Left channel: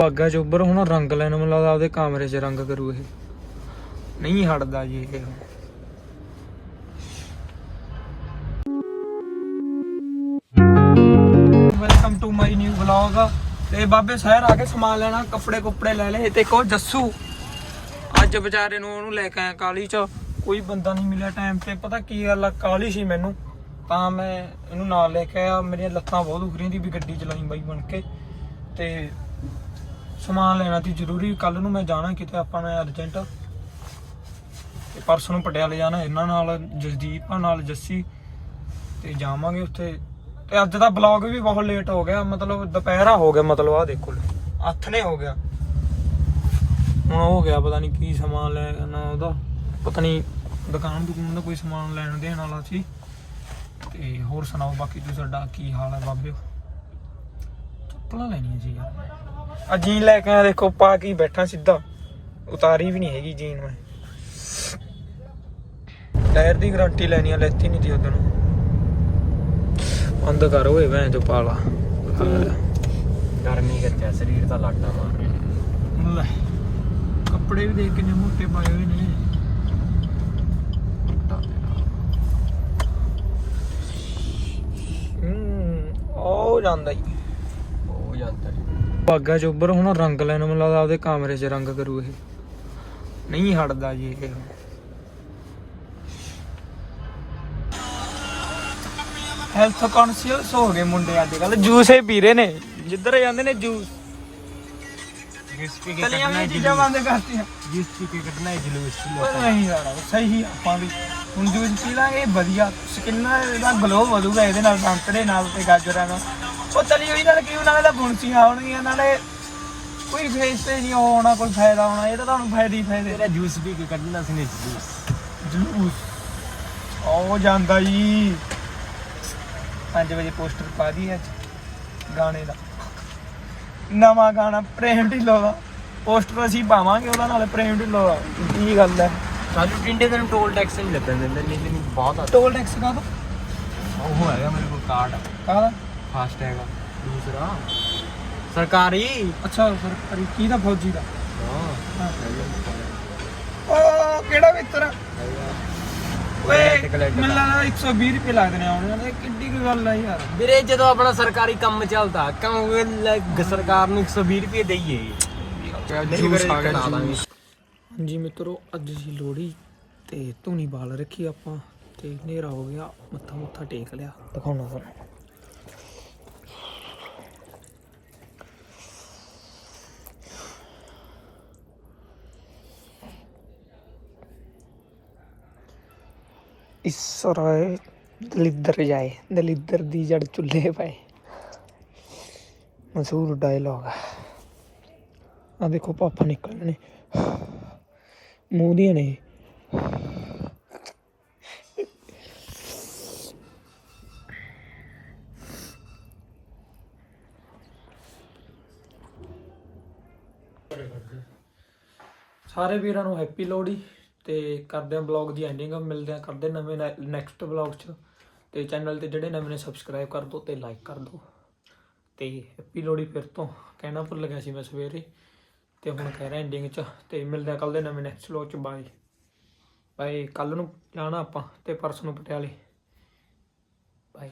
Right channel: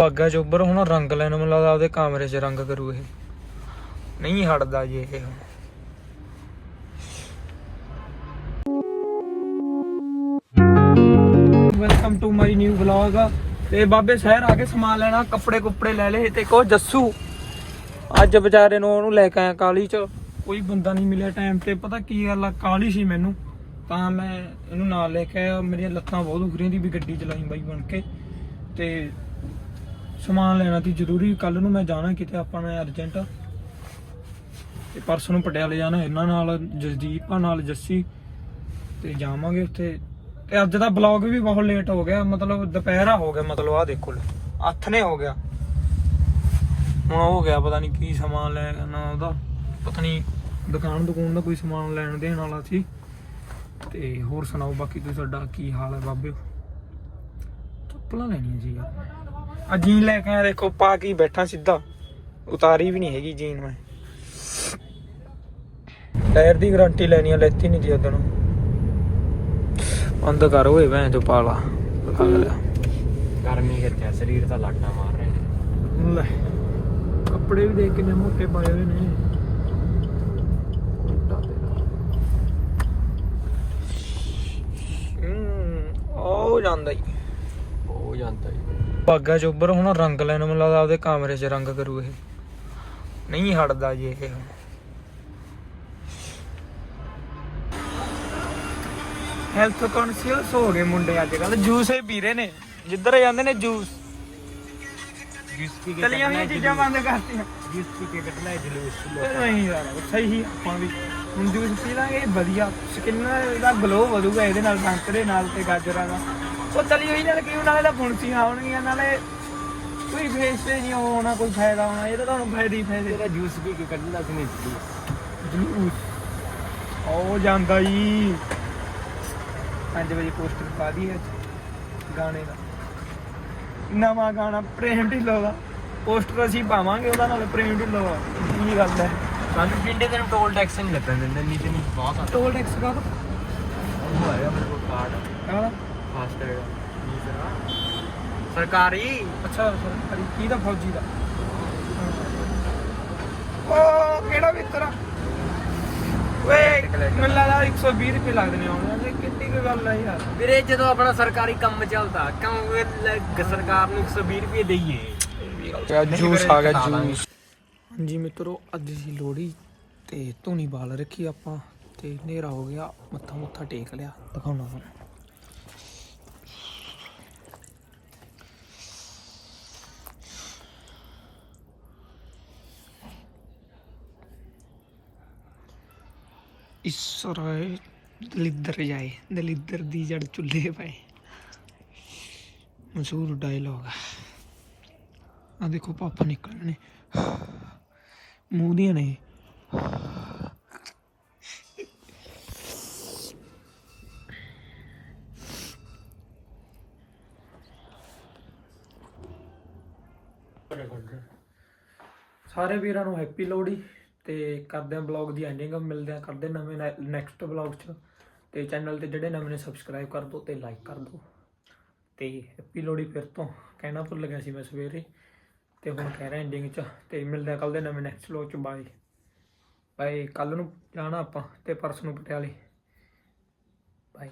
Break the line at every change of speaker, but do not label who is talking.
ਭਾਗਾ ਚੋਬਰ ਹੁਣ ਰੰਗ ਲੈਣ ਮੈਨੂੰ ਲੱਗਦਾ ਉਹਦੇ ਕਮਰੇ 'ਚ ਰੰਗ ਕਰੂ ਇਹ। ਨਹੀਂ ਹਟਦਾ ਜੀ ਇਹ। Welcome to my new vlog ਤੇ ਬਾਬੇ ਸ਼ਹਿਰ ਆ ਕੇ ਸਮਾਨ ਲੈਣਾ, ਕੱਪੜੇ ਕੁੱਪੜੇ ਲੈ ਲਏ। ਤੇ ਕੋ ਜੱਸੂ, ਅੱਜ ਵਿਚਾਰੇ ਨੂੰ ਉਹਨੂੰ ਲੈ ਕੇ ਆਇਆ ਕਾਲੀ ਚ। ਕੋਈ ਬੰਦਾ ਨਹੀਂ ਮਿਲਿਆ ਟਾਈਮ ਤੇ, ਪਤਾ ਕੀ ਗੱਲ ਆ ਕਾਲੀ ਸੀ ਮੈਨੂੰ। ਤਾਂ ਮੈਂ ਇਹਨੂੰ ਨਾਲ ਲੈ ਕੇ ਆਇਆ। ਮੇਰੀਆਂ ਲੱਤਾਂ ਬਹੁਤ ਦੁਖ ਰਹੀਆਂ ਦੀ ਵੀ ਗੱਡੀ ਚਲਾਈ ਬਾਈ ਬਣ ਕੇ। ਤੇ ਸਮਾਨ ਲੈਣਾ ਸੀ ਜ਼ਰੂਰੀ ਕੱਲ ਨੂੰ ਮੈਂ ਜਾਣਾ ਕਿਤੇ, ਆਪਾਂ ਨੇ ਅਰਜੈਂਟ। ਤੇ ਪਰਸੋਂ ਨੂੰ ਪਟਿਆਲੇ ਜਾਣਾ, ਇਹਨਾਂ ਨਾਲ, ਜਸਦੀਪ ਨਾਲ, ਜੱਸੀ। ਤੇ ਜਾਵਾਂਗੇ ਉੱਥੇ। ਤੇ ਅੱਜ ਦਾ ਬਲੌਗ ਵੀ ਬਹੁਤ ਲੇਟ ਹੋ ਗਿਆ, ਮਤਲਬ ਦੁਪਹਿਰਾ ਹੋ ਗਿਆ, ਮਤਲਬ ਆ ਦੇਖੋ। ਅੱਠ ਹੋ ਗਿਆ। ਹੁਣ ਹੋ ਗਿਆ, ਪਤਾ ਨਹੀਂ ਕੀ ਸਮਾਨ ਲੈਣਾ ਉਹਦਾ। ਪਤਾ ਨਹੀਂ, ਦੁਕਾਨ ਦੁਕਾਨ ਦਾ ਕੋਈ ਸਮਾਨ ਲੈਣ ਦੇਣ ਵਾਲਾ ਸੀ। ਤੇ ਹੋਰ ਸੁਣਾਓ, ਬਾਕੀ ਤੁਸੀਂ ਸਾਡਾ ਕੀ ਹਾਲ ਹੈ ਬਾਬੇ? ਚੱਪਲਾਂ ਲੈਣੀਆਂ ਸੀ ਯਾਰ। ਆ ਜੀਨ ਲੈ ਕੇ ਆਇਆ ਦੇਖੋ ਪਾ ਕੇ ਬੈਠਾ ਸਿੱਧਾ। ਉਤਾਰੀ ਵੀ ਨਹੀਂ ਹੈਗੀ ਜੀਨ ਮੈਂ। ਟਾਇਰ ਦੀ ਗਾਰੰਟੀ ਲੈਣੀ ਆ ਲੈਤੀ ਨਹੀਂ ਜੀ ਉਹਦੋਂ ਬੰਦ ਕਰ ਓਏ ਭੈਣ ਚੋ ਪਾਲਾ। ਲੱਗ
ਗਰਮੀ ਕਿੱਥੇ ਸਰੀਰ ਤਾਂ ਲੜਨਾ ਮਾਰ ਰਹੇ ਨੇ
ਲੈ ਕੱਪੜੇ ਵੀ ਦੇਖ ਕਿੰਨੇ ਮੋਟੇ ਪਾਏ ਹੋਏ ਨੇ। ਹੂੰ ਉਹ ਜਾਂਦਾ ਹੀ। ਬਾਗਾ ਚੋਬਰ ਹੁਣ ਰੰਗ ਲੈਣ ਮੈਨੂੰ ਲੱਗਦਾ ਉਹਦੇ ਕਮਰੇ 'ਚ ਰੰਗ ਕਰੂ ਇਹ। ਨਹੀਂ ਹਟਦਾ ਜੀ ਇਹ। ਹੈਲਥ ਕੌਨਸ਼ੀਅਸ ਹੋ ਗਏ ਮੁੰਡੇ ਅੱਜ ਕੱਲ ਜੂਸ ਹੀ ਪੀ ਰਹੇ ਨੇ। ਜਿੱਧਰ ਜਾਂਦੇ ਨੇ ਜੂਸ।
ਜਿਸ ਪੀ ਕੇ
ਕਲੀਆਂ ਵੀ ਚੀਜ਼ਾਂ ਬੰਦ ਕਰਤੀਆਂ।
ਜਿਸ ਪੀ ਕੇ ਕੱਢਣਾ ਹੈ ਜਲੂਸ।
ਉਹ ਨਹੀਂ ਯਾਰ ਸਹੀ ਆਪਾਂ ਵੀ। ਹੁਣ ਜੂਸ ਪੀ ਲਾਂਗੇ ਵਧੀਆ। ਸਕਿਨ ਦਾ ਗਲੋ ਵਧੂਗਾ ਇਹਦੇ ਨਾਲ ਸੰਤਰੇ ਨਾਲ ਤੇ ਗਾਜਰਾਂ ਨਾਲ ਉਹ ਤਲੀ ਹੋਈ ਨਾਲ ਕੀ ਨਾਲੇ ਤਾਂ ਫੁੰਸੀਆਂ ਆਉਣਗੀਆਂ ਨਾਲੇ ਕੋਈ ਵੇਸਟੇਜ ਨਹੀਂ ਹੋਣਾ ਕੋਈ ਫਾਇਦਾ ਹੋਣਾ ਇਹ ਤਾਂ ਤੁਹਾਨੂੰ ਫਾਇਦੇ ਹੀ ਫਾਇਦੇ।
ਤੇਰਾ ਜੂਸ ਪੀ ਕੇ ਕੱਢਣਾ ਸੀ ਨੇ ਜਲੂਸ
ਜਲੂਸ। ਉਹ ਜਾਂਦਾ ਜੀ 5 ਵਜੇ ਪੋਸਟਰ ਪਾ ਦੀ ਅੱਜ ਗਾਣੇ ਦਾ। ਨਵਾਂ ਗਾਣਾ ਪ੍ਰੇਮ ਢਿੱਲੋਂ ਦਾ। ਪੋਸਟਰ ਅਸੀਂ ਪਾਵਾਂਗੇ ਉਹਦਾ ਨਾਲ ਪ੍ਰੇਮ ਢਿੱਲੋਂ ਦਾ। ਕੀ ਗੱਲ ਹੈ
ਸਾਨੂੰ ਪਿੰਡੇ ਦੇ ਟੋਲ ਟੈਕਸ ਨਹੀਂ ਲੱਗਣ ਦਿੰਦੇ ਨਹੀਂ ਤੇ ਬਹੁਤ
ਟੋਲ ਟੈਕਸ ਦਾ
ਉਹ ਹੈਗਾ ਮੇਰੇ ਕੋਲ ਕਾਰਡ
ਕਾਹਦਾ?
ਫਾਸਟ ਹੈਗਾ ਦੂਸਰਾ। ਸਰਕਾਰੀ।
ਅੱਛਾ ਸਰਕਾਰੀ। ਕੀ ਦਾ ਫੌਜੀ ਦਾ?
ਹਾਂ।
ਉਹ ਕਿਹੜਾ ਮਿੱਤਰ ਓਏ ਮੈਨੂੰ ਲੱਗਦਾ 120 ਰੁਪਏ ਲੱਗਦੇ ਨੇ ਆਉਣ ਵਾਲੇ। ਕਿੱਡੀ ਕੁ ਗੱਲ ਆ ਯਾਰ।
ਵੀਰੇ ਜਦੋਂ ਆਪਣਾ ਸਰਕਾਰੀ ਕੰਮ ਚੱਲਦਾ ਕਿਉਂ ਲੱਗ ਸਰਕਾਰ ਨੂੰ 120 ਰੁਪਏ ਦਈਏ।
ਕਿਆ
ਨਹੀਂ
ਜੂਸ
ਫਿਰ
ਆ ਗਿਆ
ਕਰਾ ਦਾਂਗੇ।
ਜੂਸ। ਹਾਂਜੀ ਮਿੱਤਰੋ ਅੱਜ ਸੀ ਲੋਹੜੀ ਤੇ ਧੂਣੀ ਬਾਲ ਰੱਖੀ ਆਪਾਂ ਤੇ ਹਨੇਰਾ ਹੋ ਗਿਆ ਮੱਥਾ ਮੁੱਥਾ ਟੇਕ ਲਿਆ। ਦਿਖਾਉਣਾ ਤੁਹਾਨੂੰ। ਇਸ ਦਲਿੱਦਰ ਜਾਏ, ਦਲਿੱਦਰ ਦੀ ਜੜ ਚੁੱਲ੍ਹੇ ਪਏ। ਮਸ਼ਹੂਰ ਡਾਇਲੌਗ ਆ। ਦੇਖੋ, ਪਾਪਾ ਨਿਕਲਣੇ ਮੂੰਹ ਦੀਆਂ ਨੇ। ਸਾਰੇ ਵੀਰਾਂ ਨੂੰ ਹੈਪੀ ਲੋਹੜੀ। ਤੇ ਕਰਦੇ ਆਂ ਬਲੌਗ ਦੀ ਐਂਡਿੰਗ ਮਿਲਦੇ ਆਂ ਕਰਦੇ ਆਂ ਨਵੇਂ ਨੈਕਸਟ ਬਲੌਗ 'ਚ। ਤੇ ਚੈਨਲ ਤੇ ਜਿਹੜੇ ਨਵੇਂ ਨੇ ਸਬਸਕ੍ਰਾਈਬ ਕਰ ਦਿਓ ਤੇ ਲਾਈਕ ਕਰ ਦਿਓ ਤੇ ਹੈਪੀ ਲੋਹੜੀ ਫਿਰ ਤੋਂ, ਕਹਿਣਾ ਭੁੱਲ ਗਿਆ ਸੀ ਮੈਂ ਸਵੇਰੇ। ਤੇ ਹੁਣ ਕਹਿ ਰਿਹਾ ਐਂਡਿੰਗ 'ਚ, ਤੇ ਮਿਲਦੇ ਆਂ ਕੱਲ ਦੇ ਨਵੇਂ ਨੈਕਸਟ ਬਲੌਗ 'ਚ ਬਾਏ ਬਾਏ ਕੱਲ ਨੂੰ ਜਾਣਾ ਆਪਾਂ ਤੇ ਪਰਸੋਂ ਨੂੰ ਪਟਿਆਲੇ। ਬਾਏ